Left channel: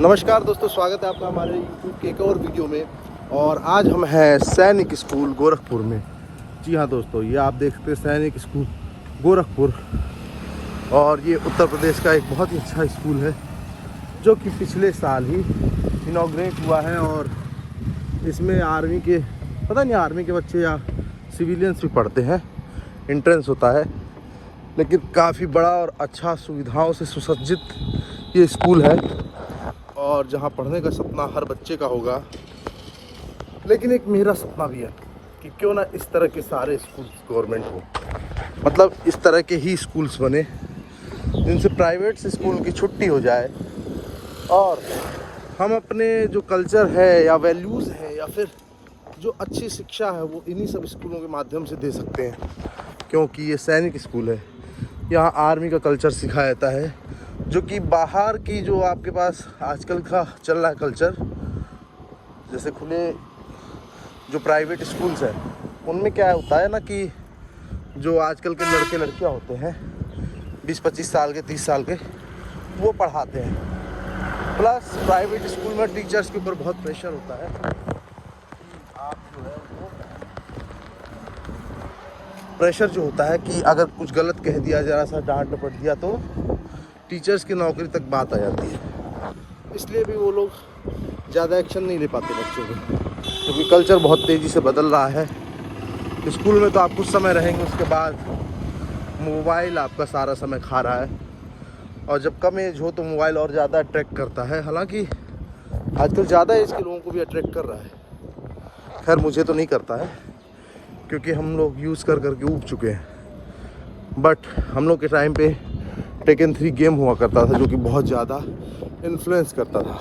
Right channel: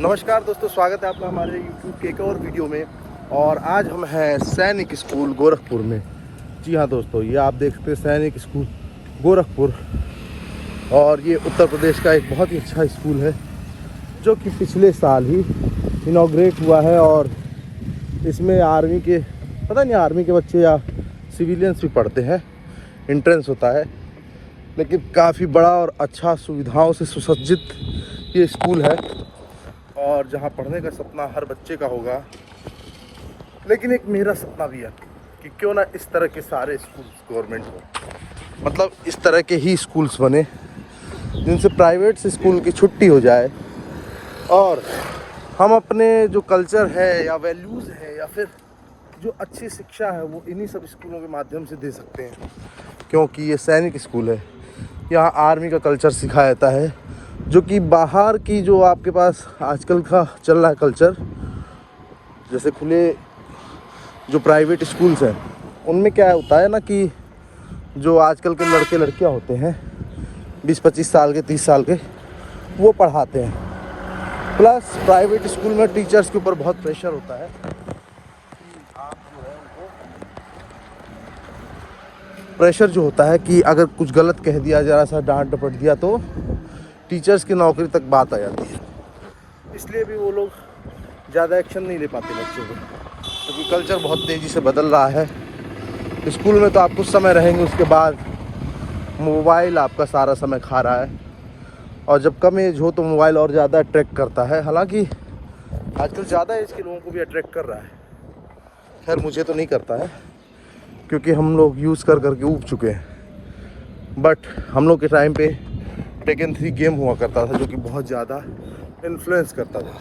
नमस्कार दोस्तों, स्वागत है आपका हमारे YouTube के एक और वीडियो में। और आज हम हैं सैनिक स्कूल गोरखपुर में। जी हाँ दोस्तों, ये आप देख सकते हैं सैनिक स्कूल गोरखपुर। और ये उत्तर प्रदेश का एक बहुत ही अच्छा स्कूल है जो कि पिछले साल ही इनॉग्रेट हुआ है। और इसमें आर्मी के आर्मी के बच्चे या सिविलियंस भी पढ़ते हैं, एंट्रेंस होता है। लेकिन काफ़ी बड़ा और अच्छा सुविधाओं से सुसज्जित ये स्कूल है और जहाँ पढ़ने का सपना हर बच्चे का होगा। लेकिन एक मेरा सपना भी है कि क्यों ना इस तरह के सारे स्कूल गवर्नमेंट हो, मतलब इस तरह के ही स्कूल्स बने जिनसे प्राइवेट से स्कूल की छुट्टी हो जाए और हम अपने जो कल्चर है या वैल्यूज़ है या फिर जो अच्छी शिक्षा है वो इन्हीं सब स्कूलों के माध्यम से दे सकते हैं। क्योंकि ये सैनिक स्कूल है, यहाँ आर्मी का कल्चर सिखाया जाता है, जो कि बाहर की जो आपके पास आजकल का चल रहा है कल्चर, जैसे खुले जो प्राइवेट स्कूल्स हैं उनमें क्या होता है ना कि जो आजकल के लड़के लड़कियां होते हैं 20-25 साल के 30 साल के, वो पढ़ाते हैं। प्लस प्राइवेट स्कूल में टीचर्स के ऊपर बहुत प्रेशर होता है। प्रेशर जो होता है कि अगर कुछ गलत कह दिया, जरा सा डांट डपट दिया तो टीचर्स की नौकरी तक बात आ जाती है। इसलिए भी वो लोग ज़्यादा एक्शन नहीं ले पाते बच्चों को, क्योंकि कल्चर बहुत तेज़ी से बदल रहा है। स्कूल में तो आप कुछ समय रहेंगे, उसके बाद मोबाइल आपका सारा समय खा रहा है। और जब कम एज हो तो मोबाइल और ज़्यादा अट्रैक्ट करता है। हालांकि आजकल ज़्यादा एज के लोगों को भी अट्रैक्ट कर रहा है। खैर मुझे तो नहीं करता है, क्योंकि हम लोग यूज़ कर करके ऊब चुके हैं। बट हम लोग के टाइम पे टेकन 3 गेम हुआ करता था जो कि बहुत ज़्यादा इन्फ्लुएंस करता था।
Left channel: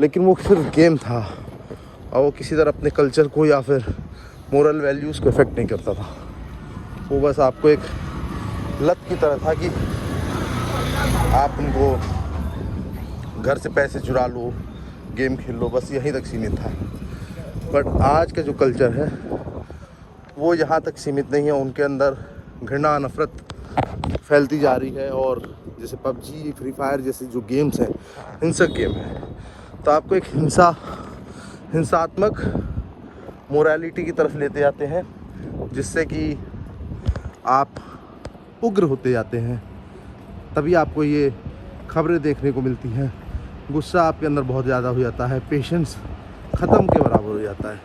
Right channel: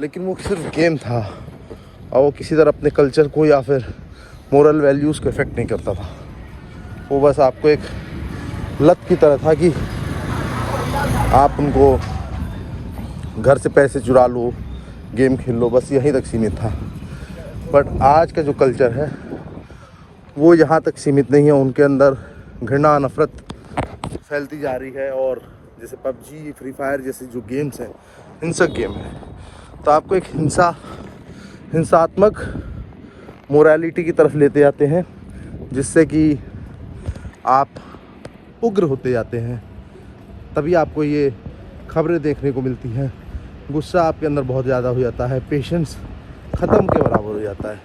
लेकिन वो सिर्फ गेम था और वो किसी तरह अपने कल्चर को या फिर मोरल वैल्यूज़ को इफ़ेक्ट नहीं करता था। वो बस आपको एक लत की तरह था कि आप उनको घर से पैसे चुरा लो, गेम खेल लो, बस यहीं तक सीमित था। बट आज का जो कल्चर है वो यहाँ तक सीमित नहीं है। उनके अंदर घृणा, नफरत फैलती जा रही है। और जैसे पबजी, फ्री फायर जैसे जो गेम्स हैं, हिंसक गेम है, तो आपको एक हिंसात्मक मोरालिटी की तरफ लेते जाते हैं, जिससे कि आप उग्र होते जाते हैं। तभी आपको ये खबरें देखने को मिलती हैं। गुस्सा आपके अंदर बहुत ज़्यादा हो जाता है, पेशेंस ख़त्म के बराबर हो जाता है।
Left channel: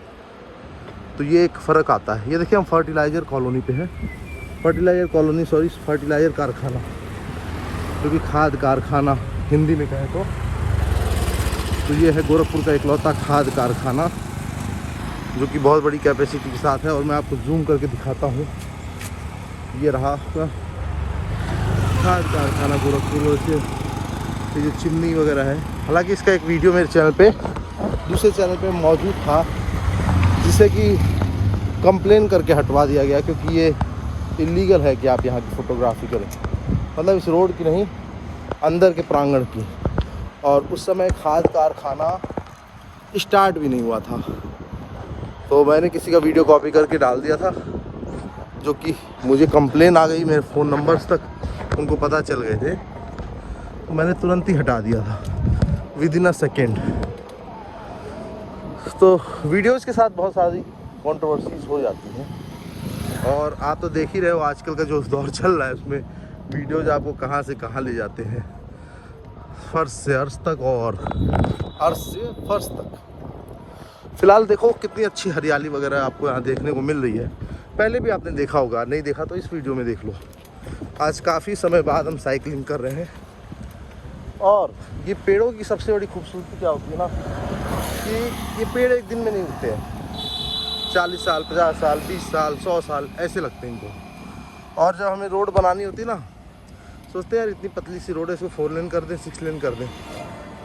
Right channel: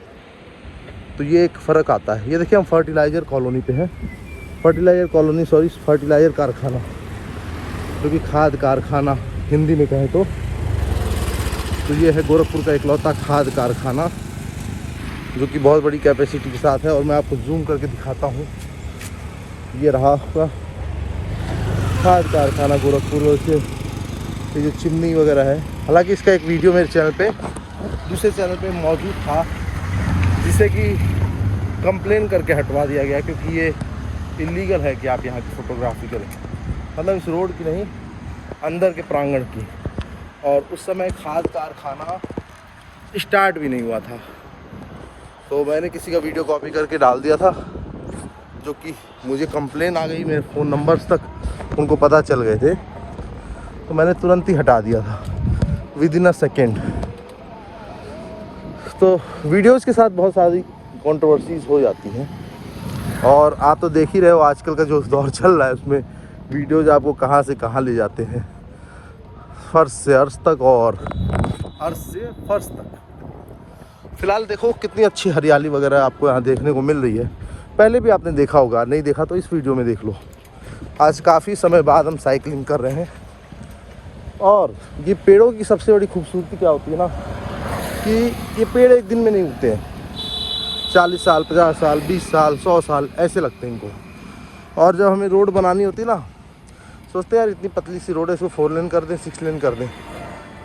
तो ये एक फ़र्क आता है। ये देखिए, हम फर्टिलाइज़र कॉलोनी पे हैं। फर्टिलाइज़र कारखाना, जो कि खाद कारखाना हिंदी में कहें तो ये है गोरखपुर का इकलौता खाद कारखाना, जो कि बहुत बड़ी कैपेसिटी के साथ है। और मैं आपको जूम करके दिखाता हूँ। ये रहा खाद कारखाना गोरखपुर से। ये जो चिमनी वगैरह है, हालांकि इसका एक वीडियो मेरे चैनल पे, दूसरे चैनल पे मौजूद था, जिसे कि कंप्लेन करके हटवा दिया गया, क्योंकि ये इलीगल है कि आप यहाँ की फ़ोटोग्राफी करें। मतलब इस रोड की नहीं, अंदर के प्रांगण की। और उस समय खाद कारखाना स्टार्ट भी नहीं हुआ था। तो मैंने किसी का वीडियो कॉपी करके डाल दिया था, जो कि मुझे कंप्लेन आ गई, मेरे फ़ोन नंबर्स तक उनको पता चल गए थे। तो मैंने तुरंत ही हटा दिया था, विदिन अ सेकेंड। तो वीडियोज़ के साथ बहुत सारी कंट्रोवर्सीज हो जाती हैं। और आप तो देख ही रहे हो आजकल का जो दौर चल रहा है, उसमें वीडियोज़ आपको कहाँ से कहाँ ले जाते हैं, फर्श से अर्श तक और अर्श से फर्श तक। फिलहाल देखो कितनी अच्छी हरियाली वगैरह आपको यहाँ देखने को मिल रही है। पहले भी आपने देखा होगा, नहीं देखा तो इस वीडियो में देख लो। आज काफ़ी समय बाद हम साइकिलिंग कर रहे हैं। और ये पेड़ों की सबसे बड़ी खूबसूरती क्या होती है ना, कि ये पेड़ एक दिन में नहीं उगते हैं। 40 साल, 50 साल, 20 साल, 100 साल ऐसे लगते हैं इनको। और जब हमें रोड बनानी होती है ना, सोचते हैं यार इतनी पतली सी रोड है, इसको 4 लेन कर दें, 6 लेन कर दें।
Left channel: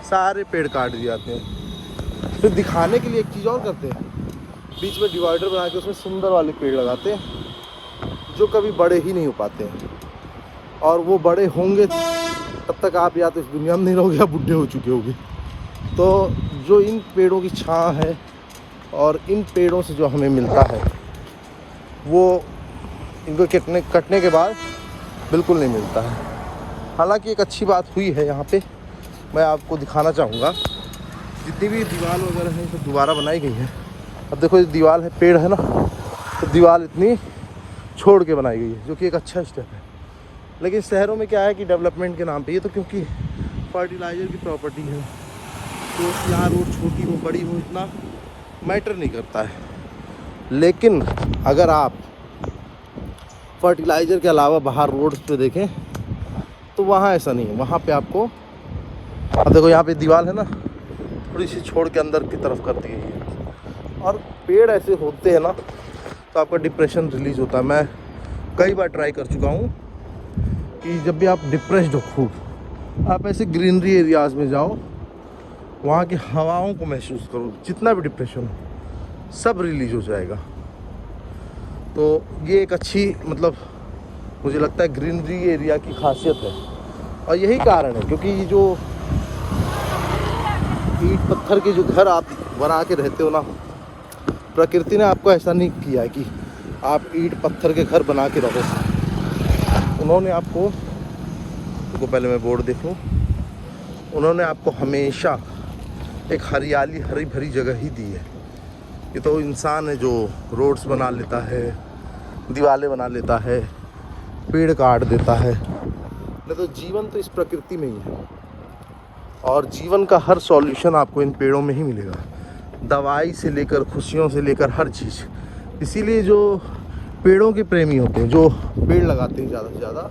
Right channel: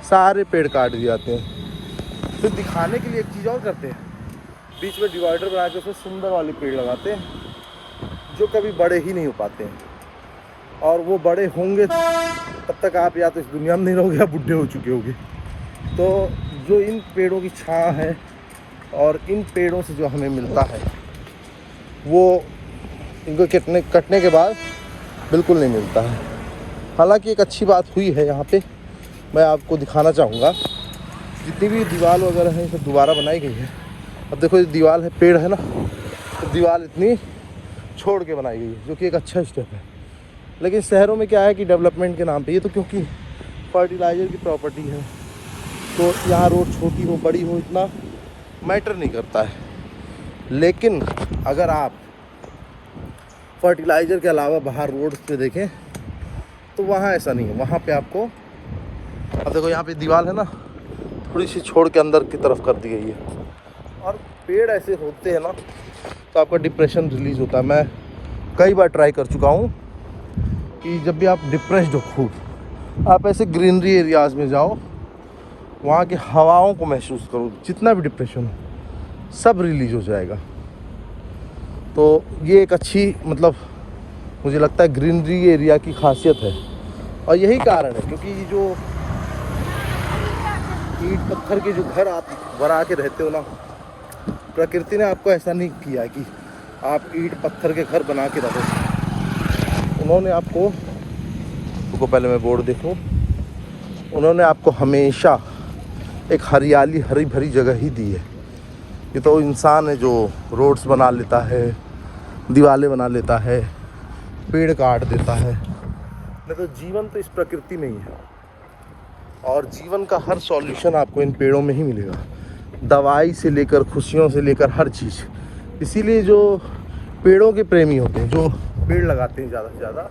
सारे पेड़ काट दिए जाते हैं। फिर दिखाने के लिए एक चीज़ और करते हैं, बीच में डिवाइडर बना के उसमें सुंदर वाले पेड़ लगाते हैं, जो कभी बड़े ही नहीं हो पाते हैं। और वो बड़े होंगे तब तक आप या तो इस दुनिया में नहीं रहोगे या बुढ़े हो चुके होगे। तो जो इन पेड़ों की छाँव है और इन पेड़ों से जो हमें मिलता है, वो इनको कटने के बाद बिल्कुल नहीं मिलता है। हालांकि एक अच्छी बात हुई है यहाँ पे मैं आपको दिखाना चाहूँगा। जितनी भी दीवार वगैरह है सब दोबारा बनाई गई है। अब देखो ये दीवार है, पेड़ है ना, तो दीवार इतनी छोड़ के बनाई गई है, जो कि एक अच्छा स्टेप है। लेकिन शहरों में क्या है कि डेवलपमेंट के नाम पे, ये तो क्योंकि फर्टिलाइज़र की प्रॉपर्टी है, तो यहाँ रोड छोटी हो बड़ी हो इतना मैटर नहीं करता है। लेकिन अगर आप फर्टिलाइज़र के अलावा बाहर रोड पे देखें तो वहाँ ऐसा नहीं है। वहाँ पे आपको, अब देखो यहाँ पे दीवार है ना, थोड़ी सी छोड़ के अंदर की तरफ कर दी गई है। और पेड़ ऐसे होते हैं ना तो आपका डिप्रेशन रिलीज़ होता है। मैं कई बार ट्राई कर चुका हूँ कि जब भी आप डिप्रेस्ड हो खूब, आप ऐसे ग्रीनरी एरियाज़ में जाओ, वहाँ की हवाओं को महसूस करो, जितना भी डिप्रेशन हो सब रिलीज़ हो जाएगा। तो ये एक अच्छी, मतलब मुझे लगता है ग्रीनरी एरिया की खासियत है। और यही कारण है क्योंकि ये जो ईंट पत्थर के जो घर आप बना के रहते हो ना, प्रकृति ने आपको ऐसा नहीं किया कि आप ईंट पत्थर के घर बना के रहो। उन्होंने आपको, तो पहले मैं बोर्ड देख लूँ, उन्होंने आपको हमेशा एक हरियाली हरी भरी जगह ही दी है। ये तो इंसान है जो रोड्स बना लेता है, दीवारें बना लेता है, पेड़ काट देता है। नहीं तो जीवन तो इस प्रकृति में ही है, और जीवन का हर सॉल्यूशन आपको इन पेड़ों में ही मिलेगा। दवाई से लेकर खुशियों से लेकर हर चीज़। इसीलिए जो पेड़ों के प्रेमी होते हैं, जो पेड़ लगाते हैं ज़्यादा से ज़्यादा,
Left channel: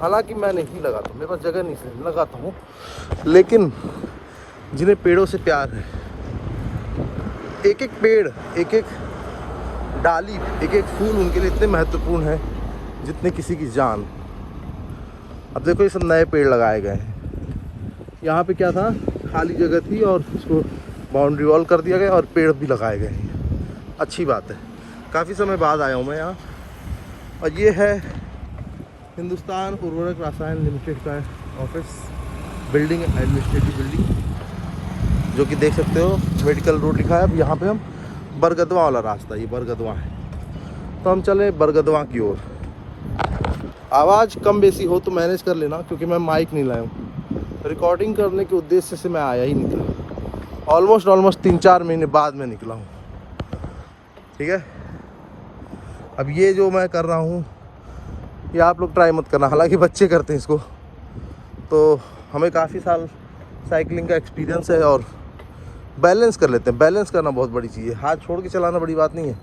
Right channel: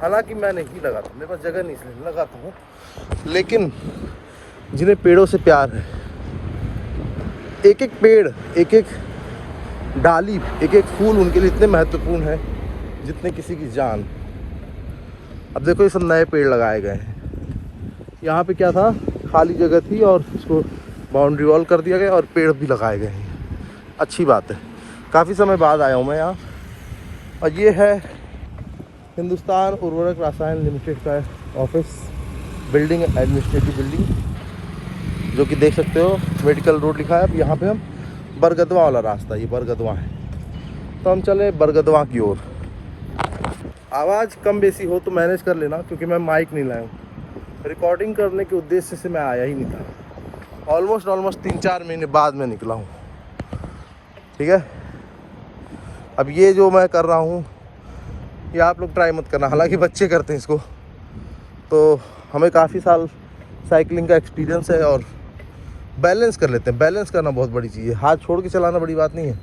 हालांकि मैं नहीं लगाता, मेरे पास जगह नहीं लगाता हूँ, लेकिन जिन्हें पेड़ों से प्यार है, एक एक पेड़, एक एक डाली, एक एक फूल उनके लिए इतने महत्वपूर्ण है जितने किसी की जान। अब देखो ये सब नए पेड़ लगाए गए हैं। यहाँ पे क्या था, खाली जगह थी और उसको बाउंड्री वॉल कर दिया गया और पेड़ भी लगाए गए हैं। अच्छी बात है। काफ़ी समय बाद आया हूँ मैं यहाँ, और ये है हिंदुस्तान उर्वरक रसायन लिमिटेड का ऑफिस, बिल्डिंग, एडमिनिस्ट्रेटिव बिल्डिंग, जो कि देख सकते हो मेडिकल रोड लिखा है। अब यहाँ पे हम बरगदवा वाला रास्ता, ये बरगदवा है, तो हम चले बरगदवा की ओर। आवाज़ कम बेसी हो तो मैनेज कर लेना, क्योंकि मैं माइक नहीं लाया हूँ। रिकॉर्डिंग करने के उद्देश्य से मैं आया ही नहीं था। ऑलमोस्ट 3-4 महीने बाद मैं निकला हूँ, ठीक है। अब ये जो मैं कर रहा हूँ ये आप लोग ट्राई मत करना, हालांकि बच्चे करते हैं इसको। तो हमें काफ़ी साल साइकिलिंग का एक्सपीरियंस है और बैलेंस कर लेते हैं। बैलेंस करना बहुत बड़ी चीज़ है, हाथ छोड़ के चलाना बड़ी बात नहीं है,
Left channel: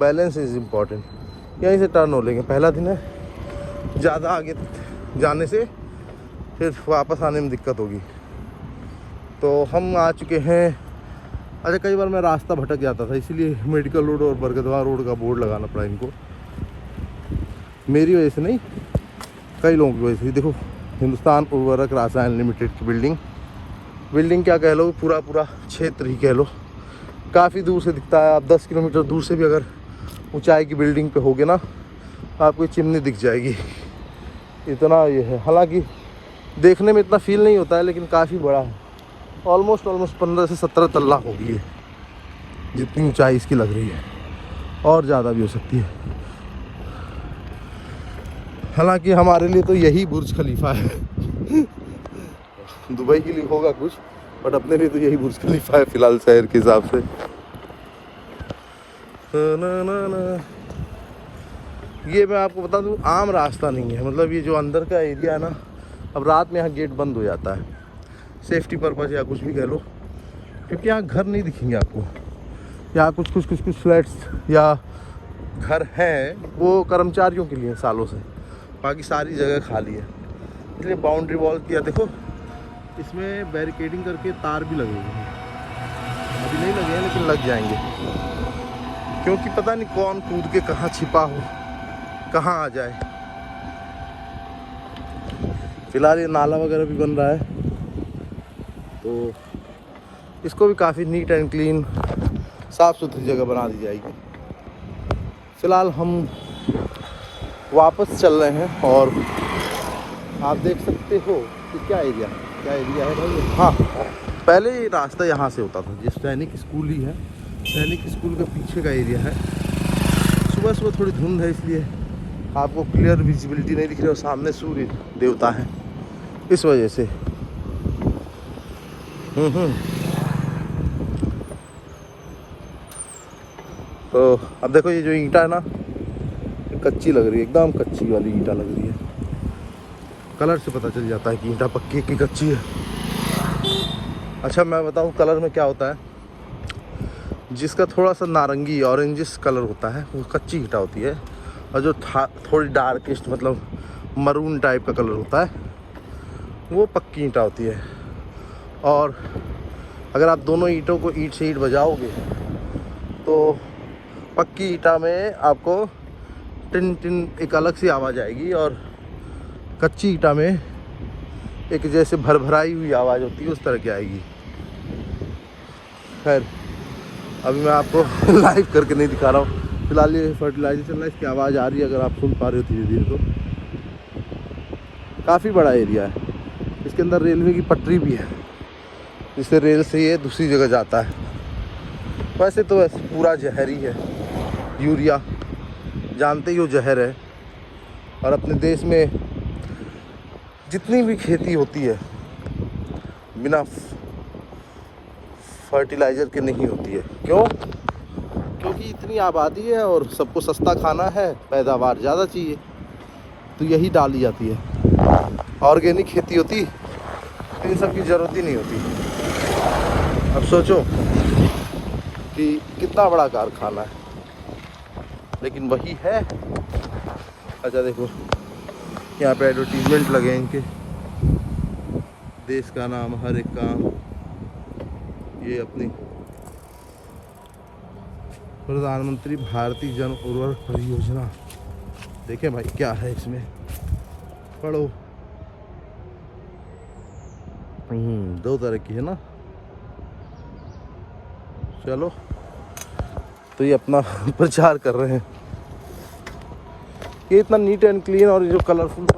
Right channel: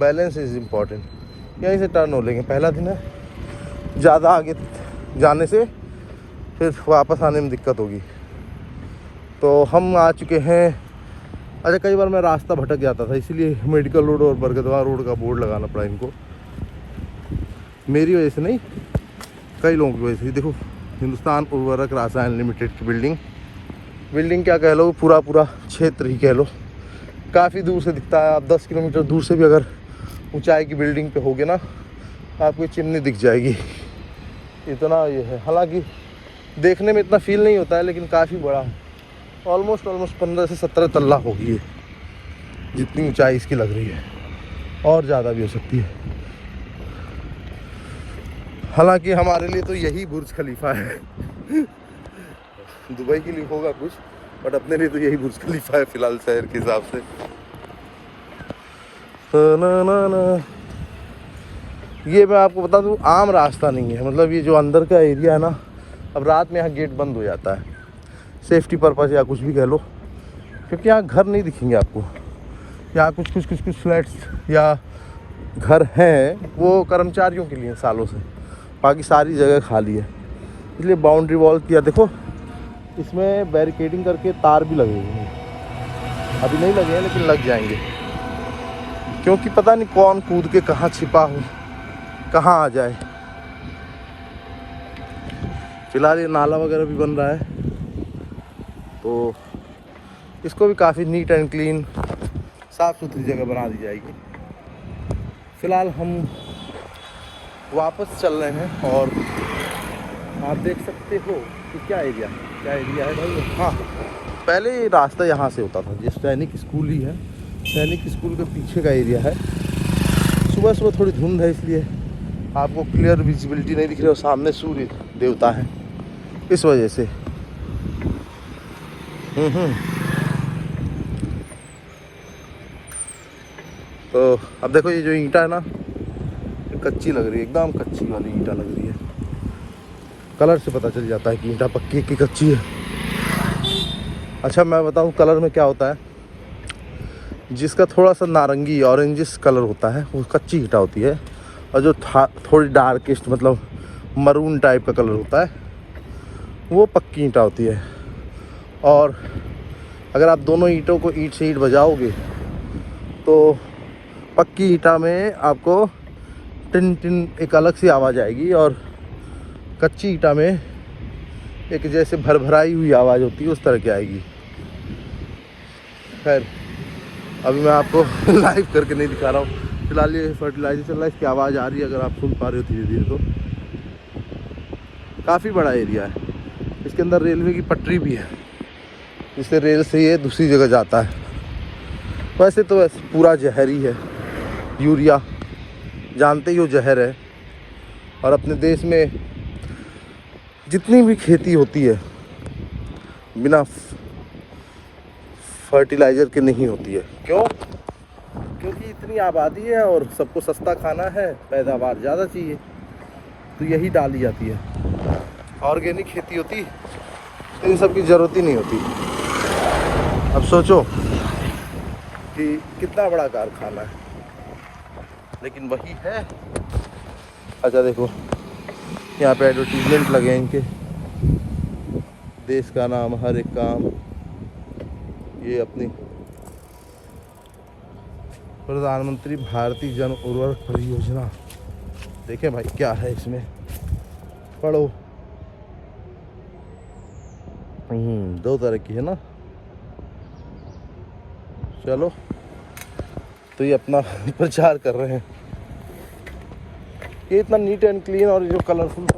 बैलेंस इज़ इम्पॉर्टेंट। यहीं से टर्न हो लेंगे, पहला दिन है, ज़्यादा आगे जाने से फिर वापस आने में दिक्कत होगी। तो हम आ चुके हैं। अच्छा, कई बार मैं रास्ता भटक जाता था, इसीलिए मेडिकल रोड और बरगदवा रोड का बोर्ड लगाना पड़ा इनको। मेरी वजह से नहीं, कई लोगों की वजह से। देखो, हिंदुस्तान उर्वरक रसायन लिमिटेड की बिल्डिंग क्या कह लो, पूरा क्षेत्र ही कह लो, काफ़ी दूर से दिखता है। आप 10 किलोमीटर दूर से भी अगर ऊंचाई की बिल्डिंग पे होगे ना, तो आपको चिमनी दिख जाएगी, इतना ये है। हालांकि देखने में इतना फील नहीं होता है, लेकिन काफ़ी बड़ा, ऑलमोस्ट 15 से 17 तल्ला होगी है, जितनी ऊंचाई इसकी लग रही है, और ज़्यादा भी हो सकती है। हालांकि हमारे लिए तो यही बुर्ज खलीफा है। दुबई के लिए होगा कुछ, बट अपने लिए तो यही बुर्ज खलीफा है फिलहाल शहर के हिसाब से। ना। ये मैं आपको बता दूं, आम रास्ता नहीं है। मतलब ये जो अंदर का एरिया है ना, अब रात में यहाँ गेट बंद हो जाता है, सेफ्टी पर्पज़ या कुछ भी कह लो, क्योंकि यहाँ घर नहीं दिखेंगे आपको। यहाँ कुछ फ्लैट्स या घर हैं, वो कर्मचारियों के लिए सालों से, बाकी सारी जगह खाली है, इसलिए बाउंड्री वॉल किया। देखो, इसमें बैरिकेडिंग करके तार भी लगे हुए हैं, अभी नहीं लगे हैं लेकिन लग जाएंगे, क्योंकि पता नहीं कौन कूद के कहाँ छिपा हो, कहाँ आ जाए। फिलहाल ये नाला वगैरह भी बन रहा है, तो इसको भी काफ़ी नीट एंड क्लीन, साफ़ सुथरी जगह बना दी जाएगी। फ़िलहाल हम वापस चल रहे हैं, और आप देख सकते हो कि क्या एरिया है भाई। हाँ, पहले ये रास्ता यहाँ से होता था, जिस सैनिक स्कूल ही है, सैनिक स्कूल के पीछे का एरिया है। सुबह थोड़ी धुंध है, इसलिए आपको क्लियर विजिबिलिटी नहीं दिख रही, और सामने सूर्य देवता है, इस वजह से। तो अब देखो ये जो ईंटा है ना, ये कच्ची लग रही है, एकदम कच्ची वाली ईंटा लग रही है। कलर से पता चल जाता है कि ईंटा पक्की की कच्ची है। अच्छा मैं बताऊं कलर में क्या होता है, जिसका थोड़ा सा नारंगी ऑरेंजिश कलर होता है वो कच्ची ईंटा होती है, और जो थोड़ी डार्किस्ट मतलब मरून टाइप का कलर होता है वो पक्की ईंटा होती है। और अगर आप दोनों ईंटों को ईंट से ईंट बजाओगे तो पक्की ईंटा में आपको टिन टिन एक अलग सी आवाज़ आएगी, और कच्ची ईंटा में एक जैसे भरभराई हुई आवाज़ होती है उस तरह की आएगी। खैर अभी मैं आपको लाइव करके नहीं दिखा रहा हूँ, फिलहाल ये फर्टिलाइजर चल रहा है, इसकी आवाज़ आ रही है, अगर आप सुन पा रहे हो धीरे धीरे। तो काफ़ी बड़ा एरिया है, इसके अंदर रेलवे की पटरी भी है, जिससे रेल से ये दूसरी जगह जाता है। वैसे तो वैसे पूरा जहर ही है, यूरिया जानते ही हो जहर है। और अपने देश में जितनी भी खेती होती है बिना फर्टिलाइज़र के नहीं होती है। क्यों? क्योंकि इतनी आबादी है और सबको सस्ता खाना है, पैदावार ज़्यादा चाहिए, तो यही डाली जाती है। ऑर्गेनिक खेती होती तो इन सब की ज़रूरत ही नहीं होती। अब सोचो कि कितना बड़ा कारखाना है, लेकिन वही है। अच्छा देखो यहाँ पे एडवर्टीजमेंट लगे हैं इनके, देश का नाम हर एक काम, ये अपनी प्रधानमंत्री भारतीय जन उर्वरक परियोजना। देखें भाई क्या है इसमें, पढ़ो। दो तरह की है ना। चलो तो ये अपना प्रचार कर रहे हैं। ये इतना नीट एंड क्लीन और ये जो कलरफुल